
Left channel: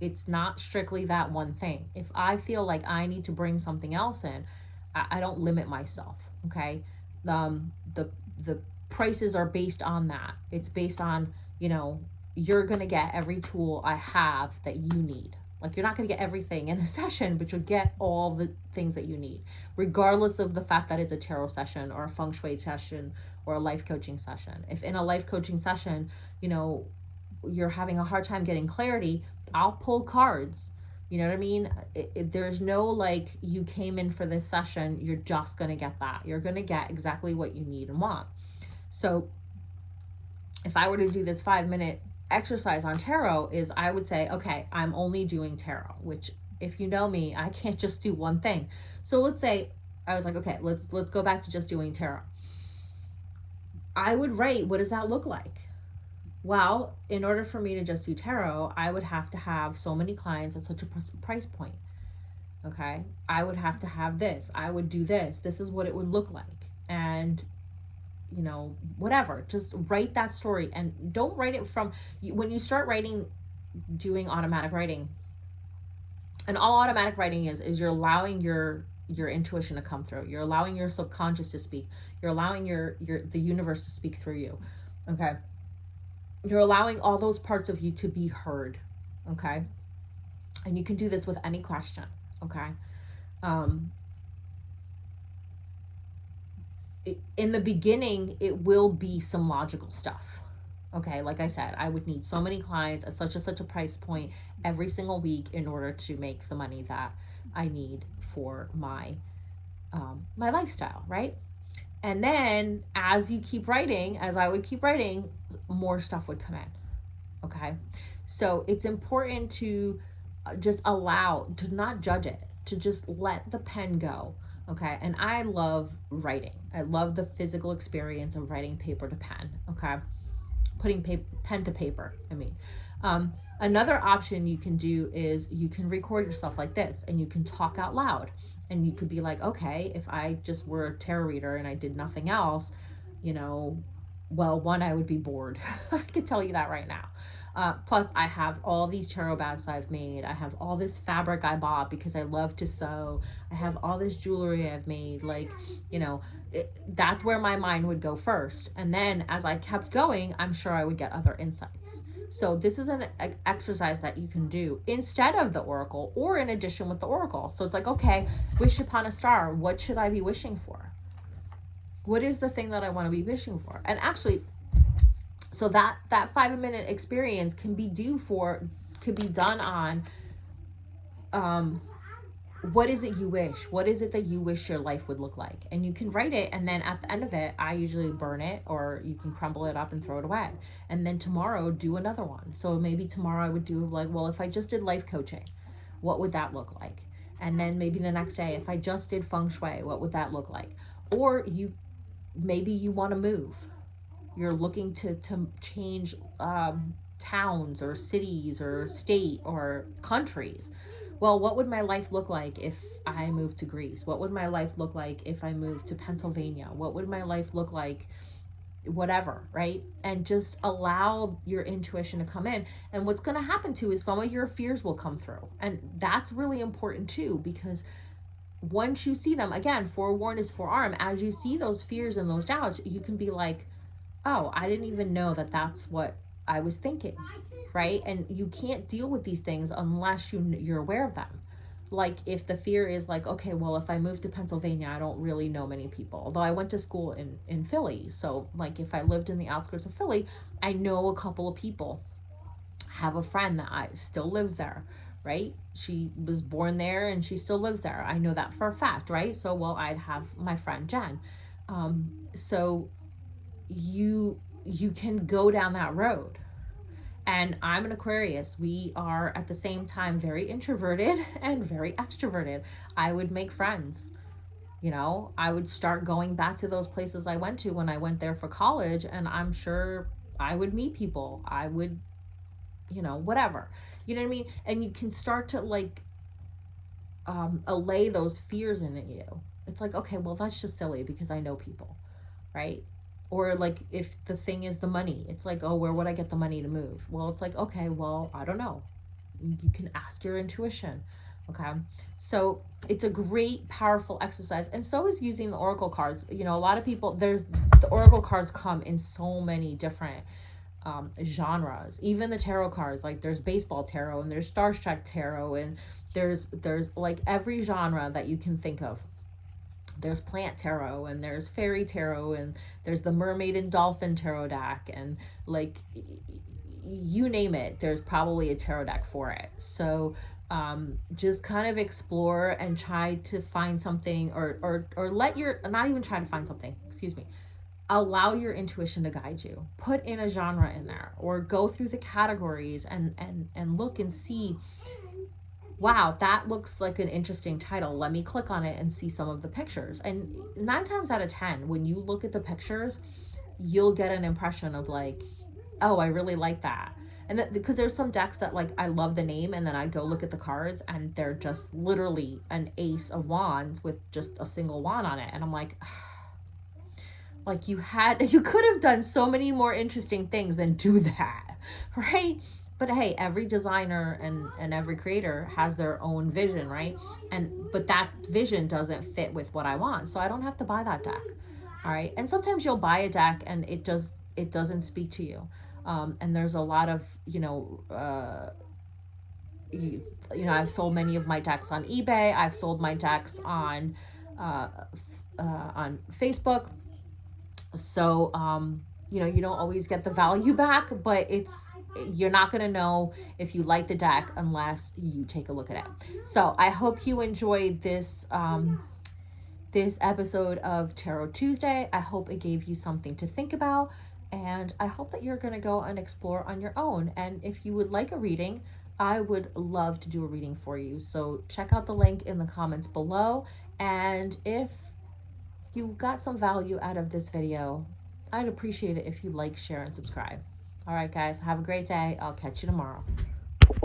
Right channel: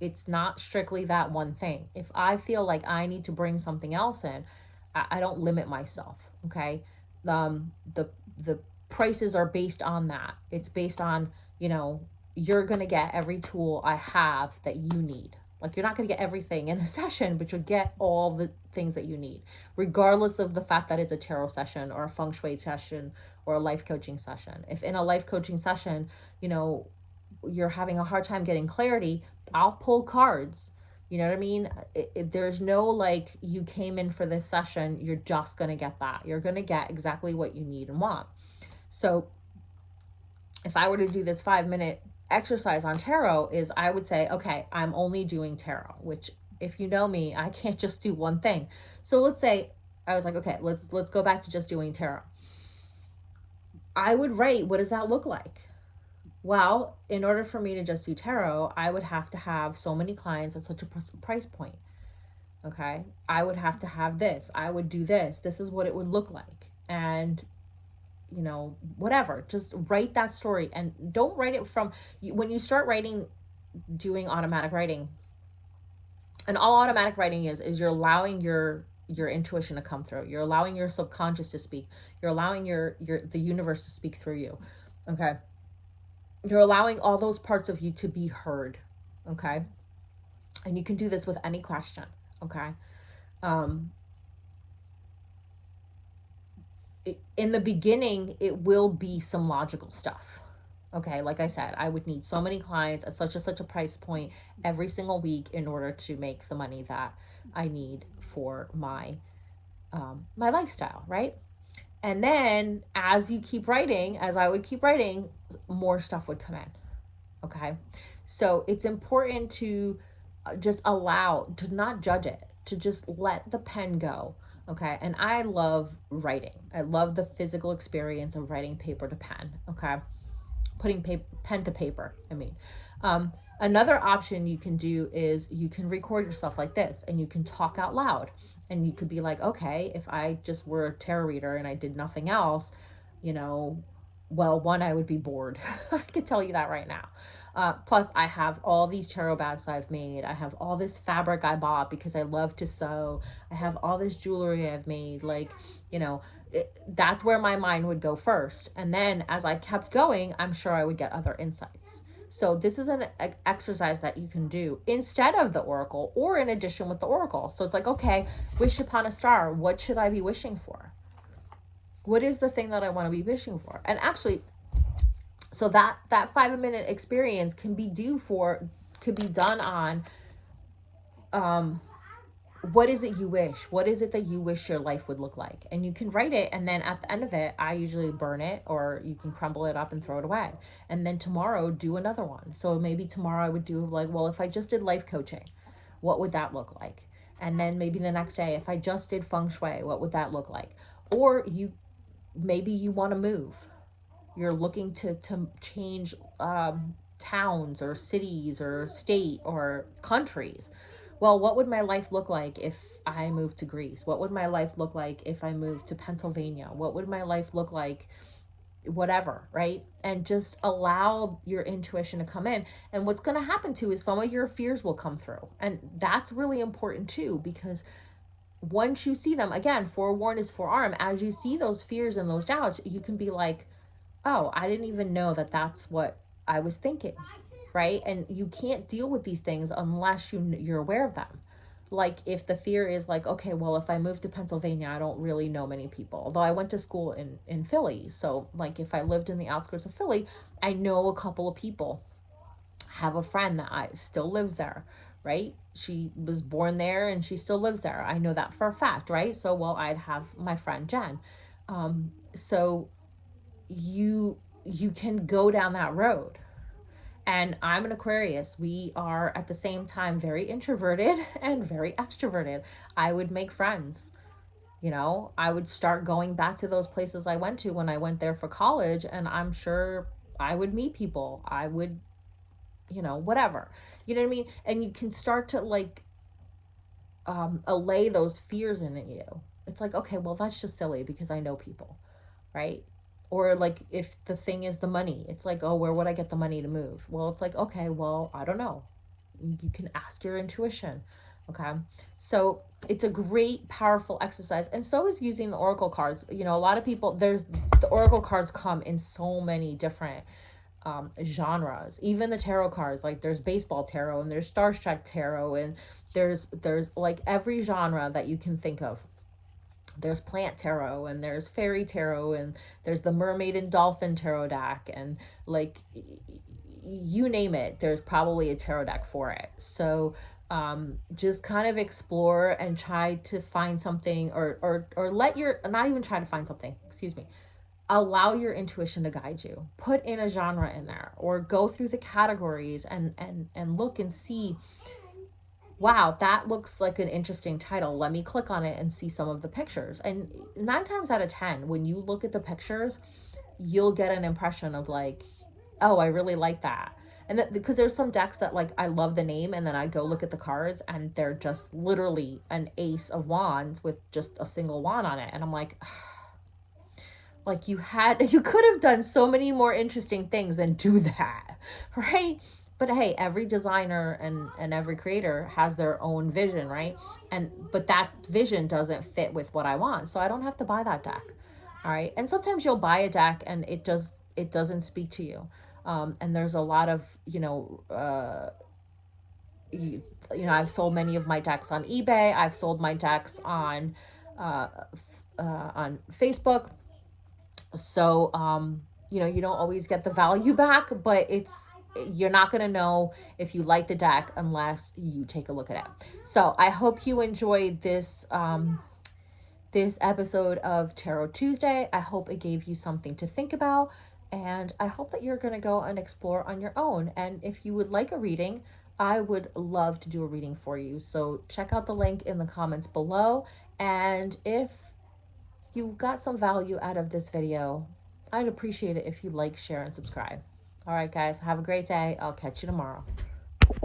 it's not strictly that one thing. If I feel like I need to bring something else in, I don't limit myself, okay? The prices are based on that. It's based on, you know, you're going to get every tool I have that you need. Like, you're not going to get everything in a session, but you'll get all the things that you need, regardless of the fact that it's a tarot session or a feng shui session or a life coaching session. If in a life coaching session, you know, you're having a hard time getting clarity, I'll pull cards. You know what I mean? There's no like, you came in for this session, you're just going to get that. You're going to get exactly what you need and want. So if I were to do this 5-minute exercise on tarot, is I would say, okay, I'm only doing tarot, which, if you know me, I can't just do one thing. So let's say I was like, okay, let's go back to just doing tarot. I would write, what does that look like? Well, in order for me to just do tarot, I would have to have so many clients at such a price point. Okay, I would have to have this. I would do this. This is what it would look like. And, you know, whatever. Just write that story, and don't write it from, when you start writing, doing automatic writing. And all automatic writing is you're allowing your intuition to come through. You're allowing your subconscious to speak. You're allowing the universe to speak through you. Okay. You're allowing all those parts of you to be heard, okay? And you can do this with any question, okay? In the beginning, it will be some logical stuff, okay? Like I said, I would need so many clients at such a price point every single week in order to make the money that I need for my my lifestyle, right? And then as you keep writing, as I would keep writing, more stuff would come in. Okay. So it's important to just allow, to not judge it, to just let the pen go. Okay. And I love writing. I love the physical experience of writing paper to pen. Okay. Putting pen to paper. I mean, another option you can do is you can record yourself like this, and you can talk out loud. And you could be like, okay, if I just were a tarot reader and I did nothing else, you know, well, one, I would be bored. I can tell you that right now. Plus, I have all these tarot bags I've made. I have all this fabric I bought because I love to sew. I have all this jewelry I've made. Like, you know, that's where my mind would go first. And then as I kept going, I'm sure I would get other insights. So this is an exercise that you can do instead of the oracle, or in addition with the oracle. So it's like, okay, wish upon a star. What should I be wishing for? What is the thing that I want to be wishing for? And actually, So that 5-minute experience can be done on what is it you wish? What is it that you wish your life would look like? And you can write it, and then at the end of it, I usually burn it, or you can crumble it up and throw it away. And then tomorrow, do another one. So maybe tomorrow I would do like, well, if I just did life coaching, what would that look like? And then maybe the next day, if I just did feng shui, what would that look like? Or maybe you want to move. You're looking to change towns or cities or state or countries. Well, what would my life look like if I moved to Greece? What would my life look like if I moved to Pennsylvania? What would my life look like? Whatever, right? And just allow your intuition to come in. And what's going to happen too is some of your fears will come through. And that's really important too, because once you see them, again, forewarned is forearmed. As you see those fears and those doubts, you can be like, oh, I didn't even know that that's what I was thinking. Right? And you can't deal with these things unless you're aware of them. Like if the fear is like, okay, well, if I move to Pennsylvania, I don't really know many people. Although I went to school in Philly. So like if I lived in the outskirts of Philly, I know a couple of people. Have a friend that still lives there, right? She was born there and she still lives there. I know that for a fact, right? So, well, I'd have my friend Jen. So you can go down that road. And I'm an Aquarius. We are at the same time very introverted and very extroverted. I would make friends. You know, I would start going back to those places I went to when I went there for college, and I'm sure I would meet people. I would, whatever. You know what I mean? And you can start to like allay those fears in you. It's like, okay, well, that's just silly because I know people, right? Or like if the thing is the money, it's like, oh, where would I get the money to move? Well, it's like, okay, well, I don't know. You can ask your intuition. Okay. So it's a great, powerful exercise. And so is using the Oracle cards. A lot of people, the Oracle cards come in so many different genres. Even the tarot cards, like there's baseball tarot and there's Starstruck tarot, and there's like every genre that you can think of. There's plant tarot and there's fairy tarot and there's the mermaid and dolphin tarot deck, and like you name it, there's probably a tarot deck for it. So just kind of explore and try to find something, or not even try to find something, excuse me, allow your intuition to guide you. Put in a genre in there, or go through the categories and look and see, wow, that looks like an interesting title. Let me click on it and see some of the pictures. And 9 times out of 10, when you look at the pictures, you'll get an impression of like, oh, I really like that. And that, because there's some decks that like, I love the name, and then I go look at the cards and they're just literally an ace of wands with just a single wand on it. And I'm like, like you could have done so many more interesting things than do that, right? But hey, every designer and every creator has their own vision, right? But that vision doesn't fit with what I want, so I don't have to buy that deck. All right. And sometimes you'll buy a deck and it doesn't speak to you. And there's a lot of, I've sold many of my decks on eBay. I've sold my decks on Facebook. So, you don't always get the value back, but you're not going to know if you like the deck unless you take a look at it. So I hope you enjoyed this episode of Tarot Tuesday. I hope it gave you something to think about, and I hope that you're going to go and explore on your own. And if you would like a reading, I would love to do a reading for you. So check out the link in the comments below. And if you got some value out of this video, I'd appreciate it if you like, share, and subscribe. All right, guys, have a great day. I'll catch you tomorrow.